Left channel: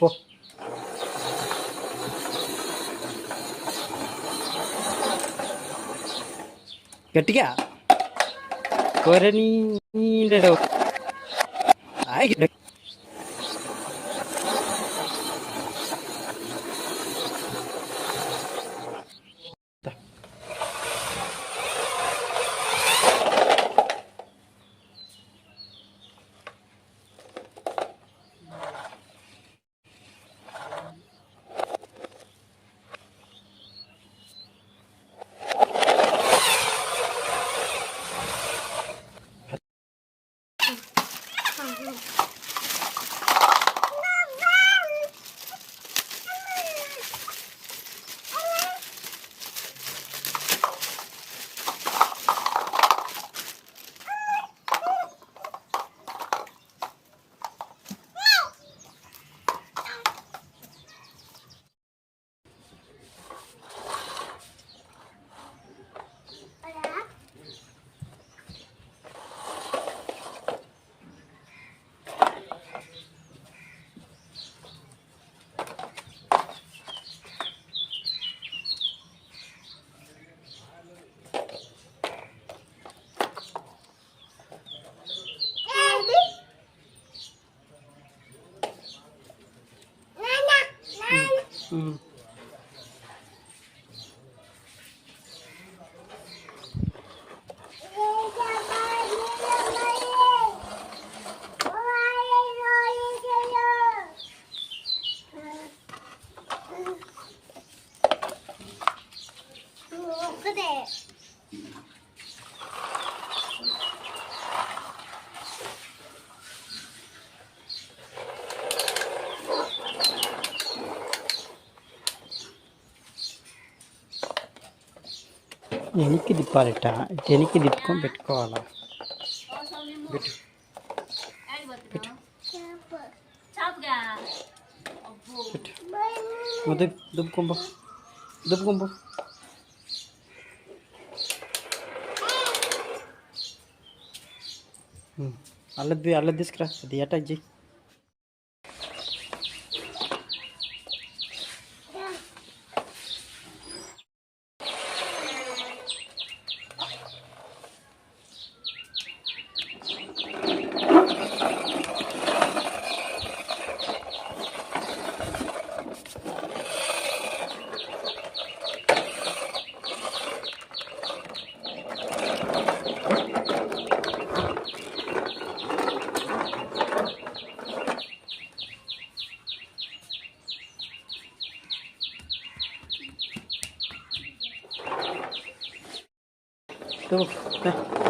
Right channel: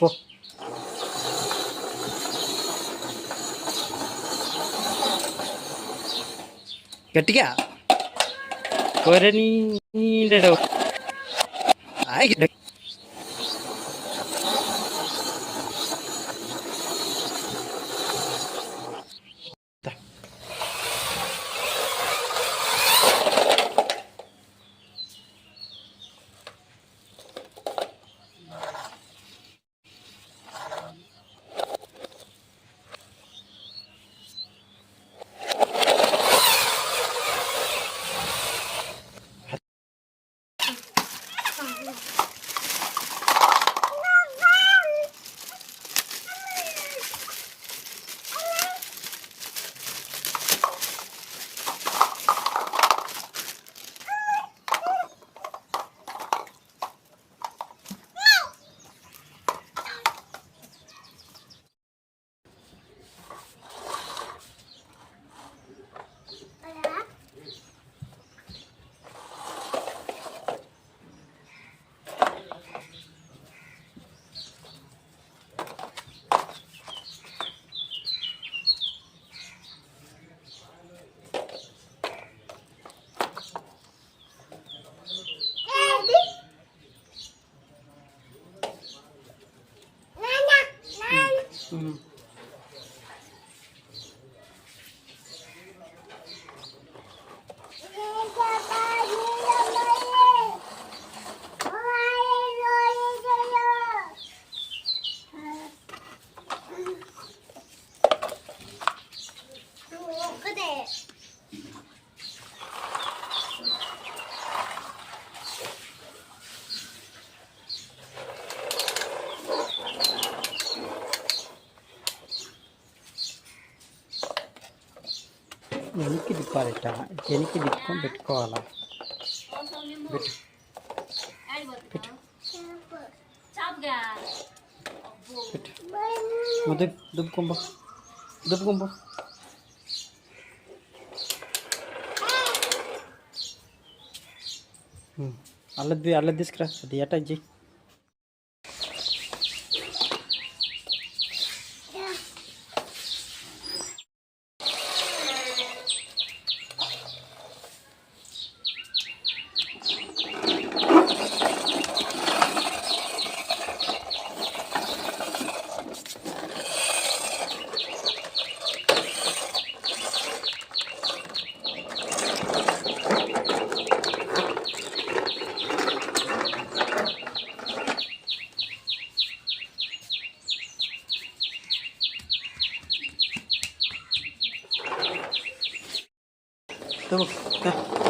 పో. గట్టిగా కోరని వెనక్కి తిప్పాలట. వెనక్కి తిప్పుకొని పెట్టుకోవాలా. పెట్టు పెట్టు పెట్టు. దుబ్బుకొంబో దుబ్బుకొంబో. అల్లది తీసుకురా. అది అటాక్ చేయి. Tuh, teh.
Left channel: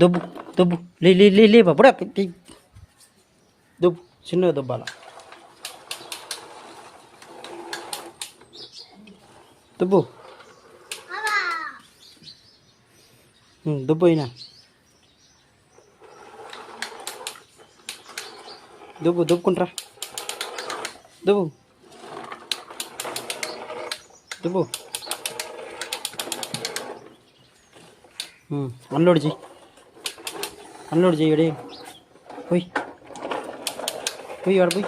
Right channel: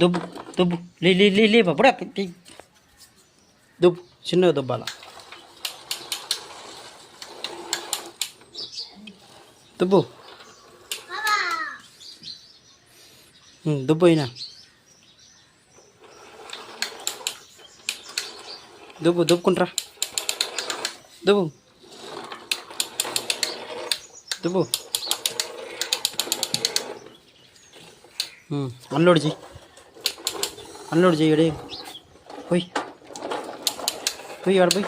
దుబ్బు దుబ్బు లే బాబుడా. దుబ్బు చిన్నగా దుబ్బాల. దుబ్బు దుబ్బు అయినా దుబ్బుకుంట్రా. దుబ్బు దుబ్బు. అన్లోడ్ చేయి. ఎడే పోయి వాడు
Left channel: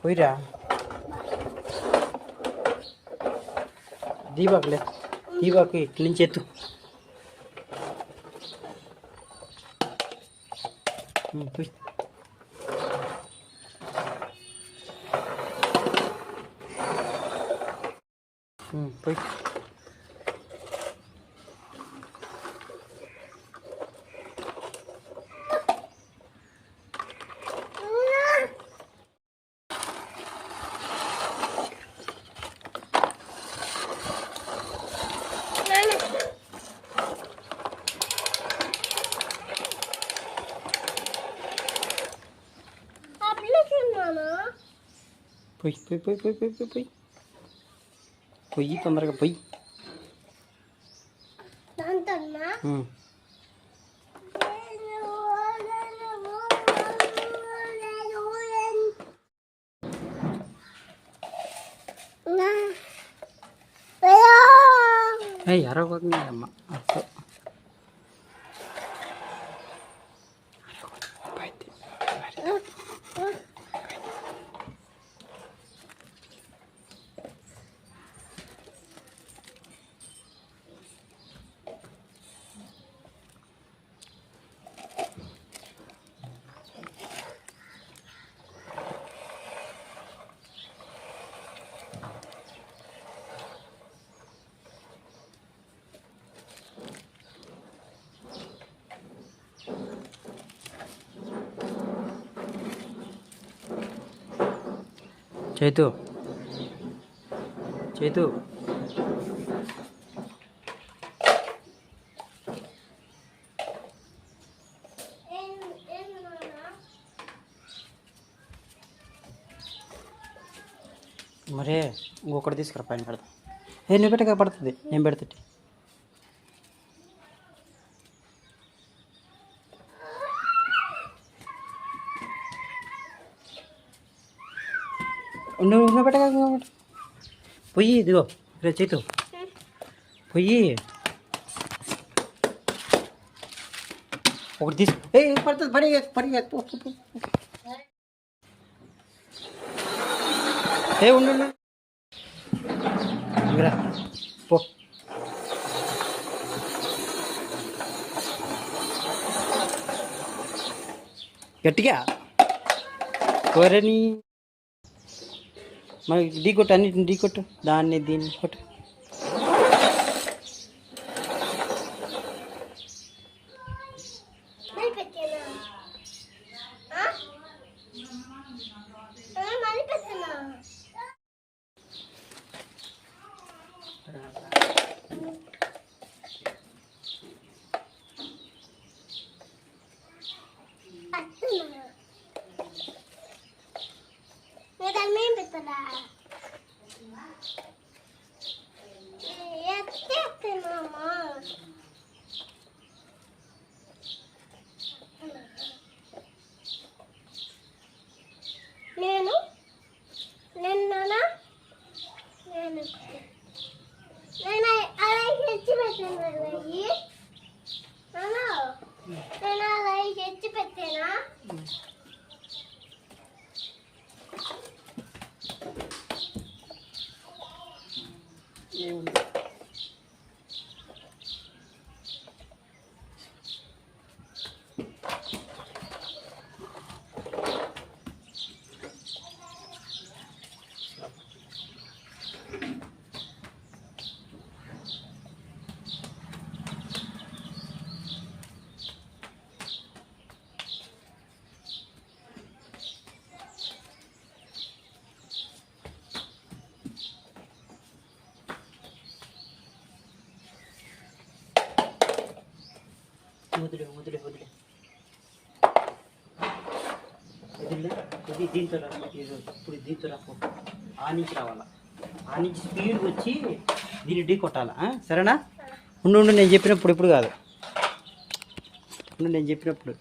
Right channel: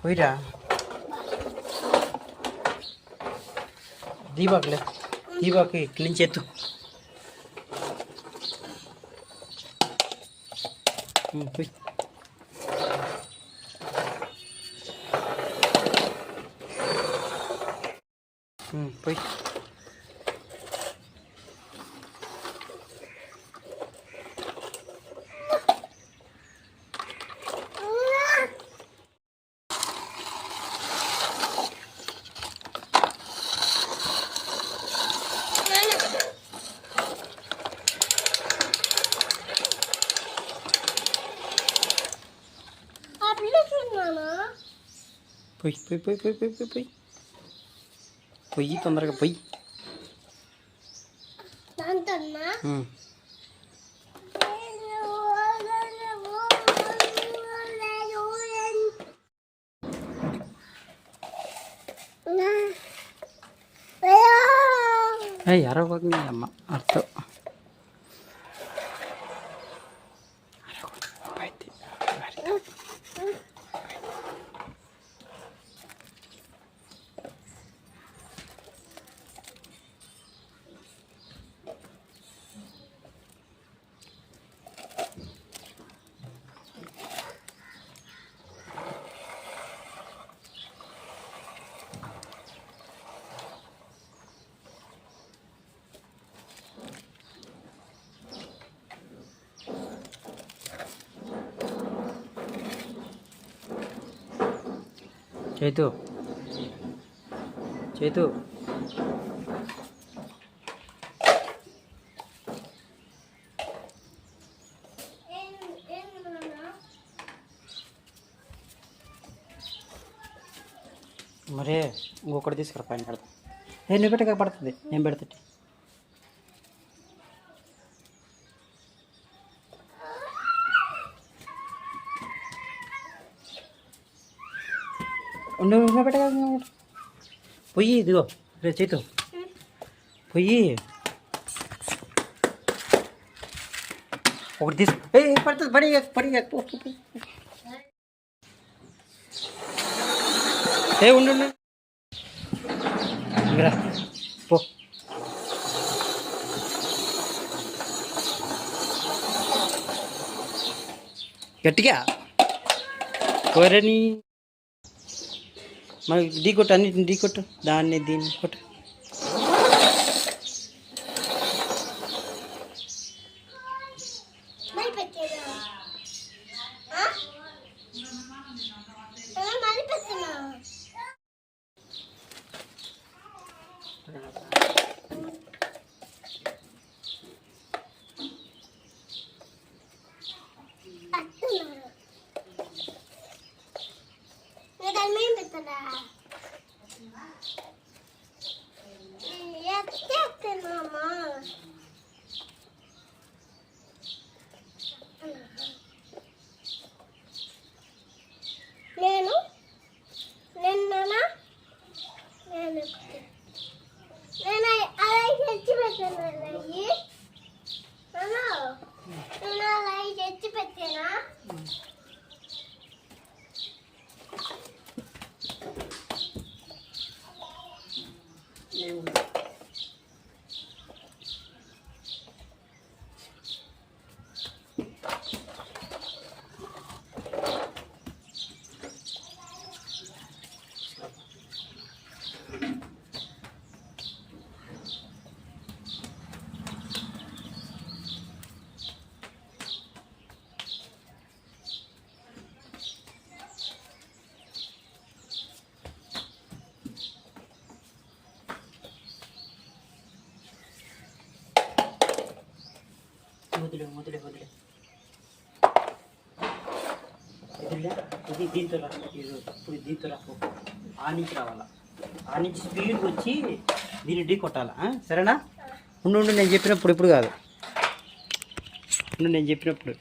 పోయిరా. దీపాకులే. దీపాకు ఇక్కడి నుంచి ఎత్తు. పోయి పోయి. పొయ్యి పొయ్యి పొయ్యి పొయ్యి పొయ్యి పొయ్యి పొయ్యి పొయ్యి తొందరగా పొయ్యి. అరవకండి అమ్మ అర్థం. చైతు చైతు మరే ఇంకొకటి తీసుకురా పైన పెడతా. నువ్వు పెట్టక పడుతుంది, నేను పెడతా. నువ్వు పెట్టక పొయ్యి. ఇదిగో రేపు చేతు పొయ్యి ఒకటి తీసు. పడుతుంది పడి పడి ఉండు ఇంకరా పో. గట్టిగా కోరని మరి ఢీ కొట్టు, అన్నిటిని ఢీ కొట్టు, దాన్ని దీన్ని కొట్టు. నేను నిన్న అలా తెచ్చి పెట్టాను. నేను అలా తెచ్చి పెట్టానా? వదిలే వదిలే వదిలే వదిలే. ఇది దీంతో రా, ఇప్పుడు దీంతో రాకు. ఆ నుంచి రావాలా, ఆ నుంచి స్పీడ్ వచ్చి దీన్ని ఢీ కొట్టాలా. సరేనా? ఉండు నేను చెప్పినప్పుడు, ఇప్పుడు కాదు, నేను చెప్పినప్పుడు.